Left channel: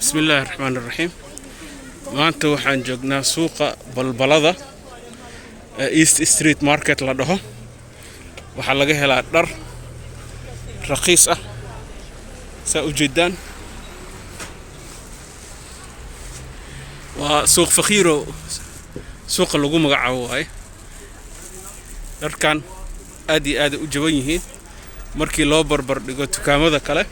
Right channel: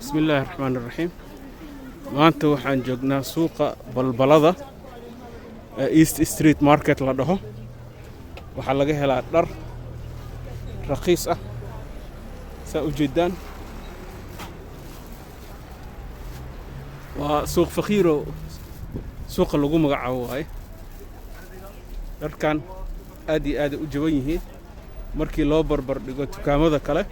بسم الله الرحمن الرحيم. maanta waxaan joognaa suuqa balbalada East Street Market la dhaho. waxaa laga helaa dhar raqiis ah saa u jeedaan. waa suuq faqiiro suuqa lagu magacaabo waay. dharkan aad iyo aad u jaban yihiin markii loo barbar dhigo dukaamada kale.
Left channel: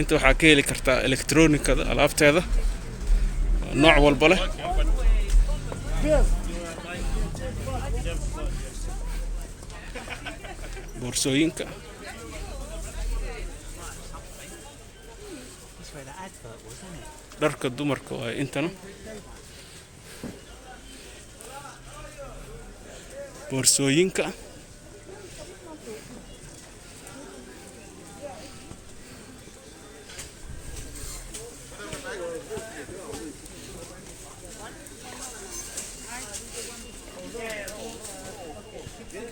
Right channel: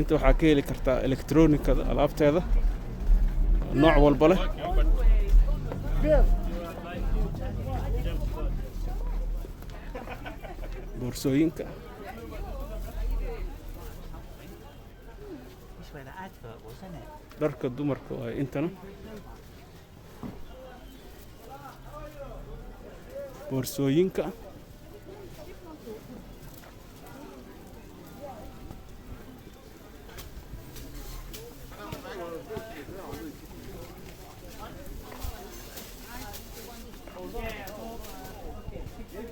inta waxaa ka heli kartaa elektroonikada alaabteeda nooc walba leh. boorsooyinka dharka dumarka oo intana boorsooyinka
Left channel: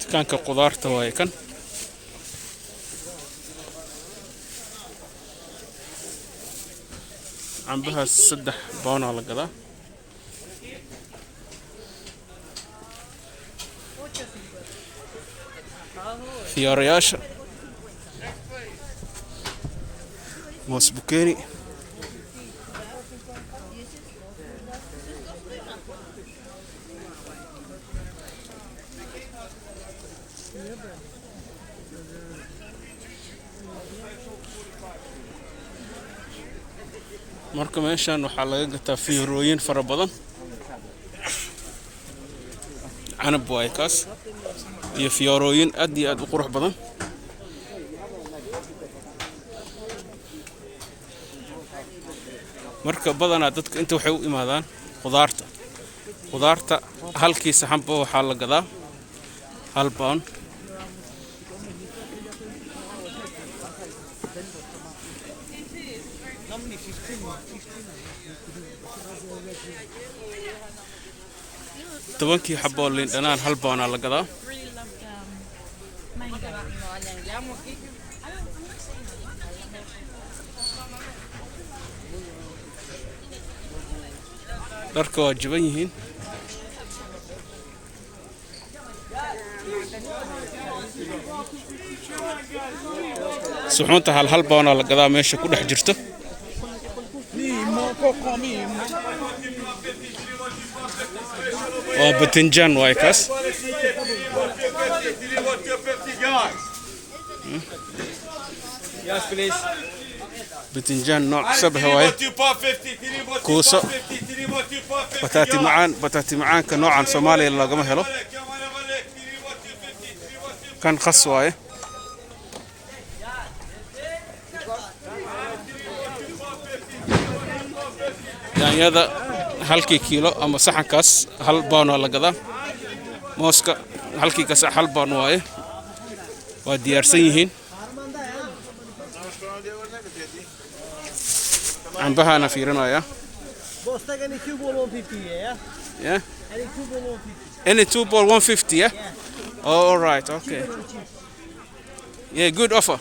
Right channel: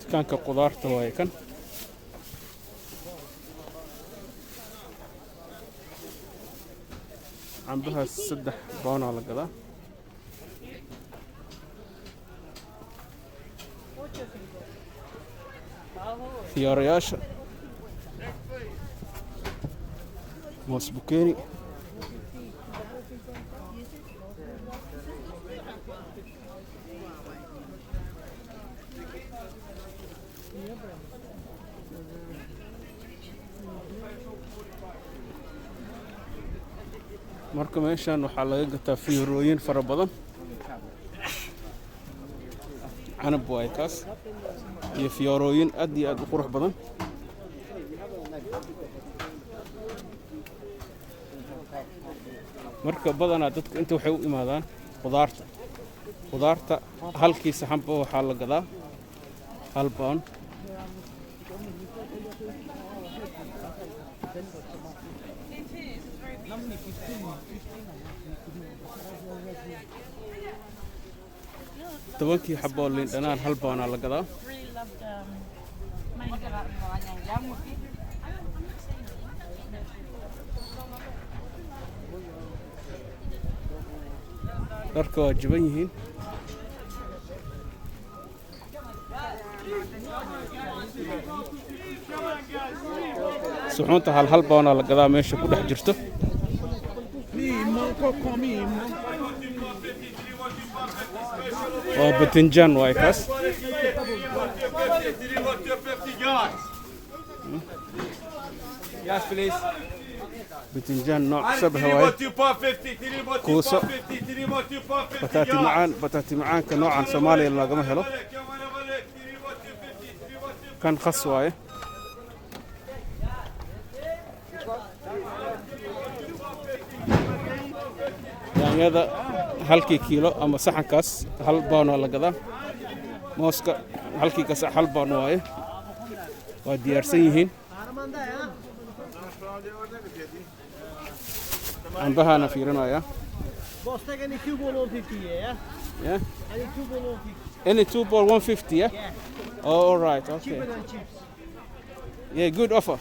dukaanka qudaarta waay kan. cambaha 3 pound la gadaa. fiyoorayaasha moosbukeeni marka meeshan waxaa laga gataa fiyoorooyin fara badan. canab waay kaas iyo fiyoorooyin aad iyo aad u qurux badan. marka badanaa dadka inta waxay u imaadaan qudaarta halkii saxanba waxaa la gadaa 1 pound. tobankii xabo liin dhanaan 1 pound la gadaa. dharka waa jaban yihiin. suxuunta 1 pound la gadaa meesha ku dhex jirto. waa batinjaan waay kaas. batinjaan nooc sabax waay. kuuso bataati macaanka noocan Soomaaliya lagama helo. kan khas waay. yaanyada halkii kiilo ama saxankaas 1 pound la gadaa. mooska halkii kaas 1 pound waaye. waa diyaarsan yihiin. cambahana fiirinaya. Yeah. Any 2 ball 150, yeah? All right, okay. Yeah, good offer.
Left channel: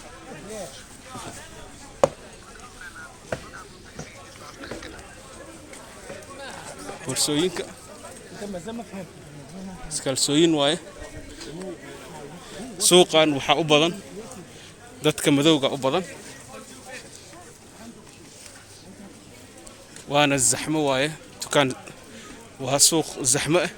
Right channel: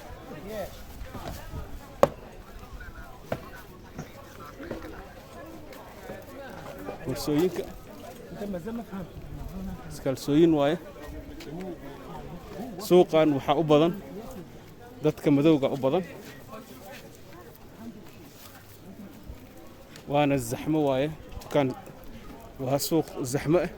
boorsooyinka iskalsooyin waaye. suuqan waxaa u badan dadka madowga u badan. waana zaxmo waaye. dukaan waa suuq zaxmo ah.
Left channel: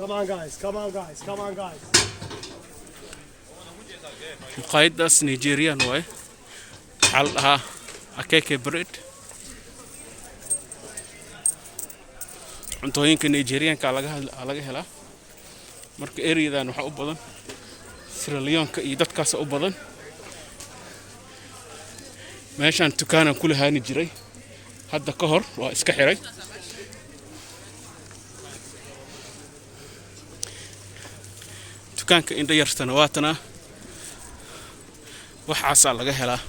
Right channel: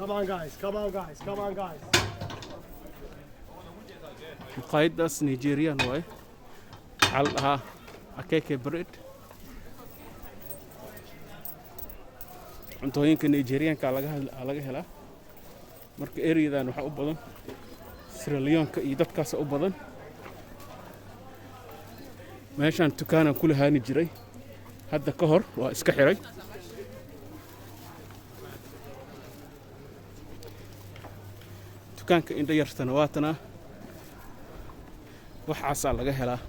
Come on guys. maqaayadaas Nigerian waaye. waxaa la dhahaa akeke bread. cuntooyinka Nigerianka laga helaa. marka areadan waxaa u badan Sierra Leone iyo dadkaas u badan. meeshan dukaanan ku lahaani jiray hadda ka hor waa iska xiray. dukaanka indha yartana waatana waxaasaa laga helaa.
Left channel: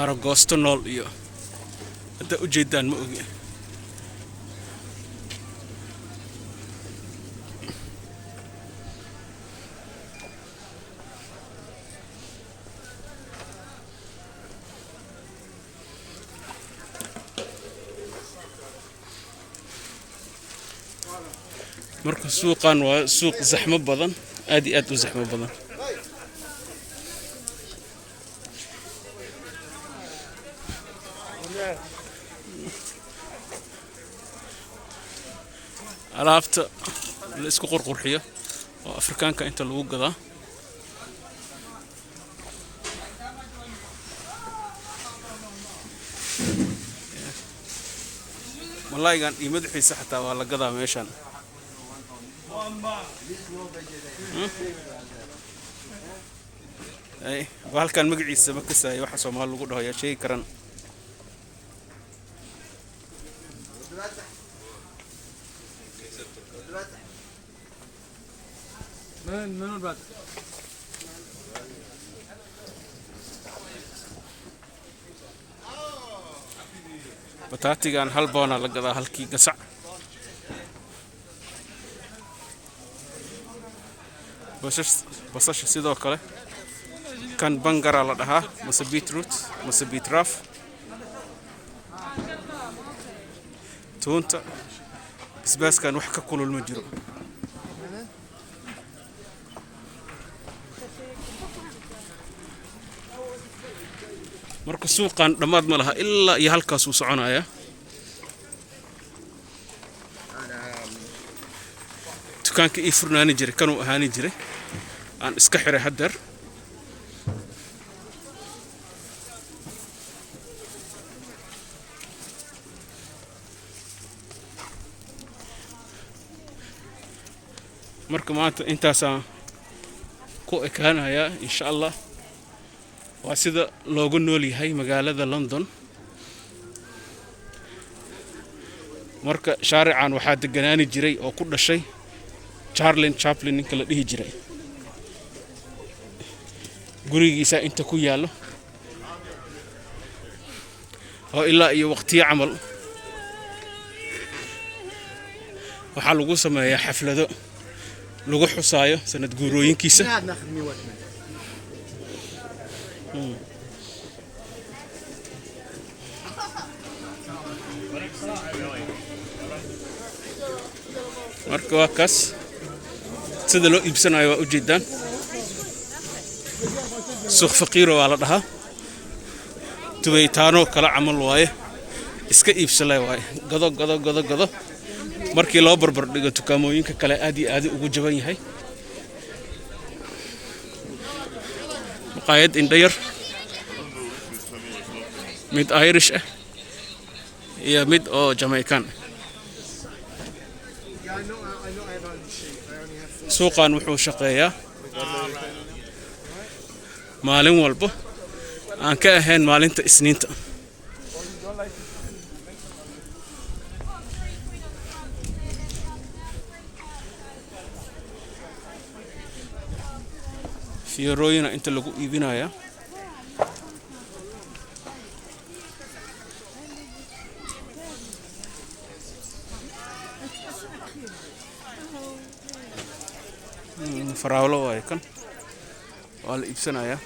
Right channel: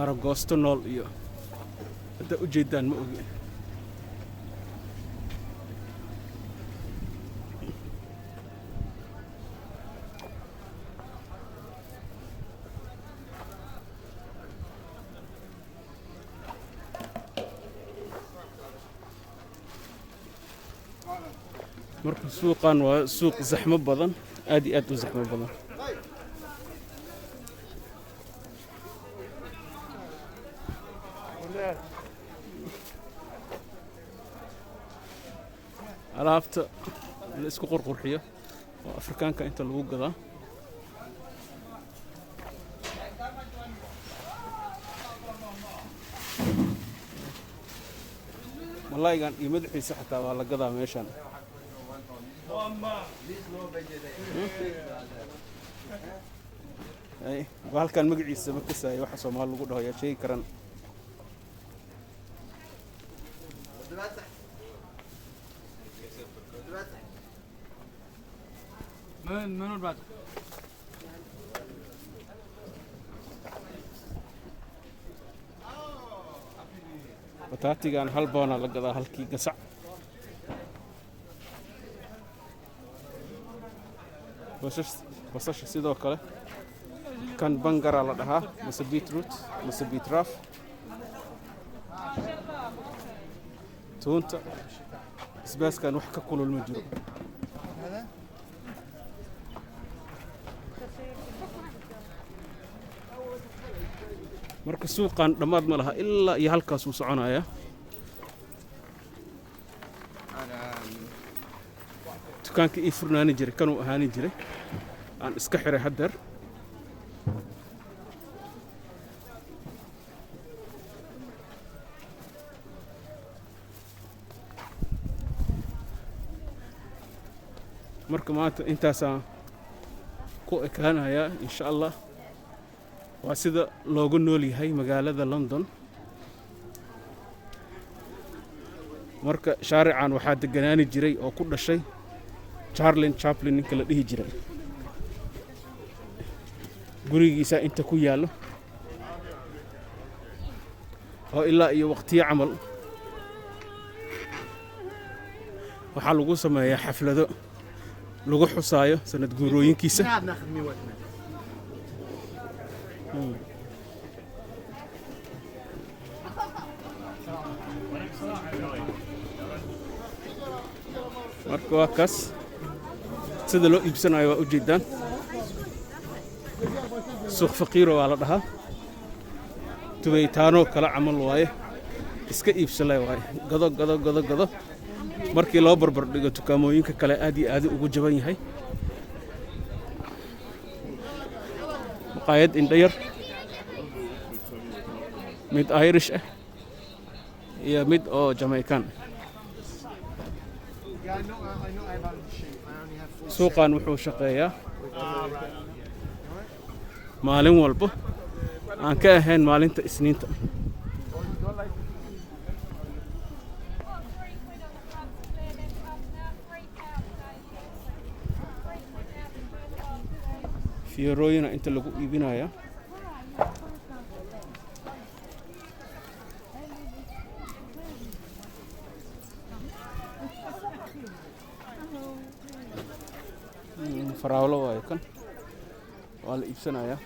Aragoosto nool iyo hadda u jeedaan ma ogi. marka suuqan waa suuq zaxmo badan, aad iyo aad u zaxmo badan. alaabta la isku qurqurxiyo oo Afrikaanka inta lagu gadaa. malaygan iyo madaxiisa xataa waa la gadaa meeshan. halkan magaciisa ma kasaayo waxa Soomaali lagu dhaho yaa sheegi karan. bataatigan hal boona la gadaa halkii gasac. basasha sidoo kale kan bangara la dhahaa mase beetroot mase beetraf. toonta basbaaskan wax ka kulul ma jiro. marka suuqan dhamaad ma laha ilaa iyo halkaas uu soconaya. dukaanka ii furnaani jiray kanuu ahaani jiray aan iska xiray haddeer. marka maanta intaasaan ku ekaanayaa insha Allah. waa sida loogu nool yahay magaalada London. marka shaarican waxaa deganaani jiray oo ku dhashay Charlie Chaplin ninka la dhihi jiray. gurigiisa inta ku yaalo oo ilaa iyo waqtiyo camal waxaa lagu sameeyaa xaflado lagu xusaayo sanad guurooyinkiisa. marka waa kaas sida loo iibsanayo waa u jeedaan. suuq faqiir waa la dhahaa. tubeytaano kala camal waaye, iska iibsalay waaye, gado gado gado gado. markii loo barbar dhigo dukaamooyinka kale aad iyo aad ugu jaban yahay. maqaayad indhayar mid Irish ah iyo mid oo Jamaican. suuqan wuxuu shaqeeyaa maalin walba aan ka ahayn maalinta Isniinta. fiirooyina inta lagu iibinaya. faraawlo waaye kan waa la iibsanaya.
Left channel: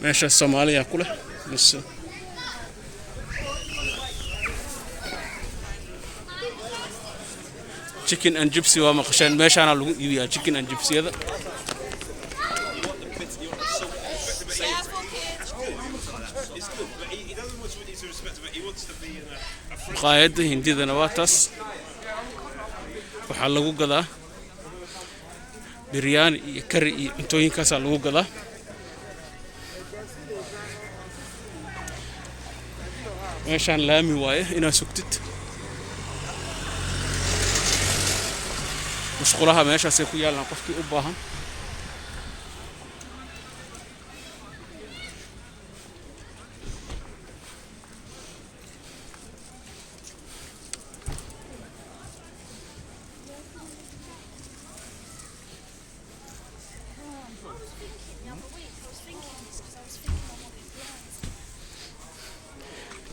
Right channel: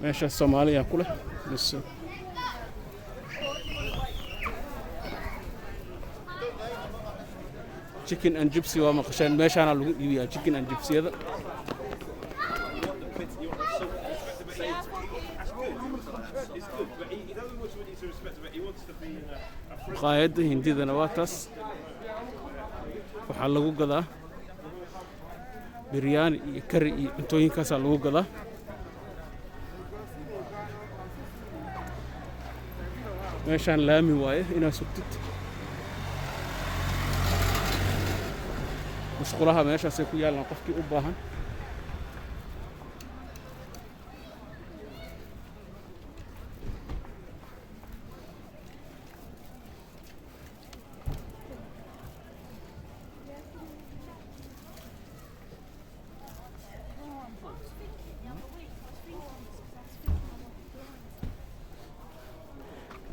meesha Soomaaliya ku leh bas chicken and gypsy waa maqashaan meeshaana lagu iibiyaa chicken and gypsyada. maqaayadda hindidana waa taas waxaa lagu gadaa biryani iyo kari iyo cuntooyinkaasaa lagu gadaa. meeshaan laami waaye inaad sugtid. musqulaha meeshaasay ku yaalaan qofkii u baahan.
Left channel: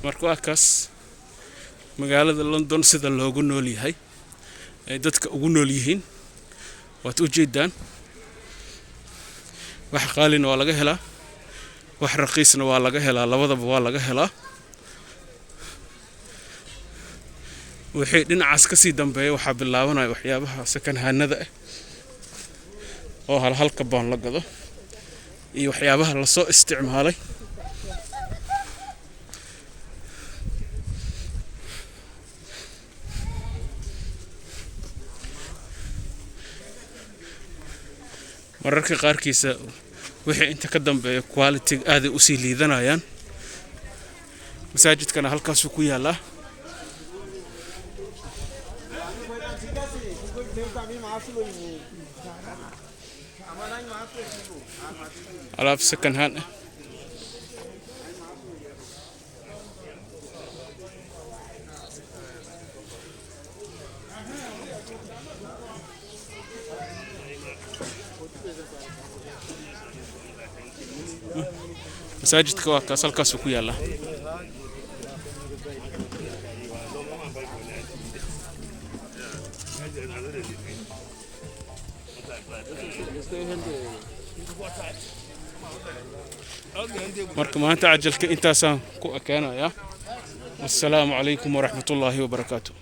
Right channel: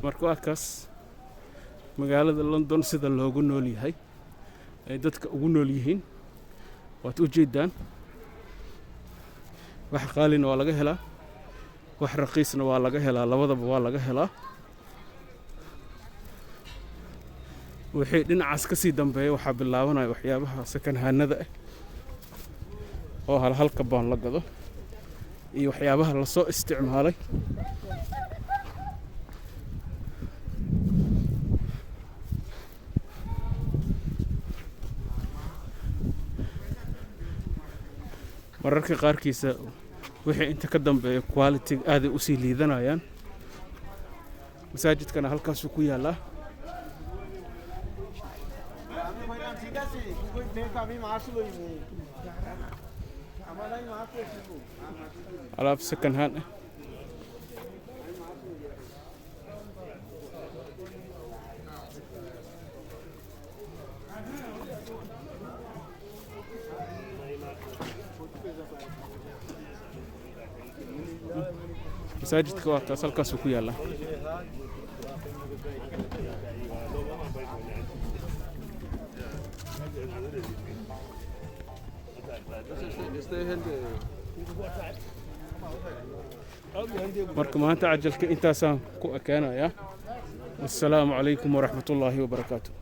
marka waa kaas magaalada London sida loogu nool yahay ay dadka ugu nool yihiin waad u jeedaan wax qaalina waa laga helaa wax raqiisna waa laga helaa labadaba waa laga helaa wixii dhinacaas ka sii dambeeya waxa bilaabanaya waxyaabaha second handada ah oo halka baan la gado iyo waxyaabaha la soo isticmaalay mararka qaarkiisa wixii inta ka dambeeya quality aad u sii liidanayaan masaajidkana halkaas ku yaala alaab second hand masaajidka waa kaas halkaas ku yaala marka maanta cajalka intaasaan ku ekaanaya. Assalaamu calaykum waraxmatullaahi wabarakaatuh.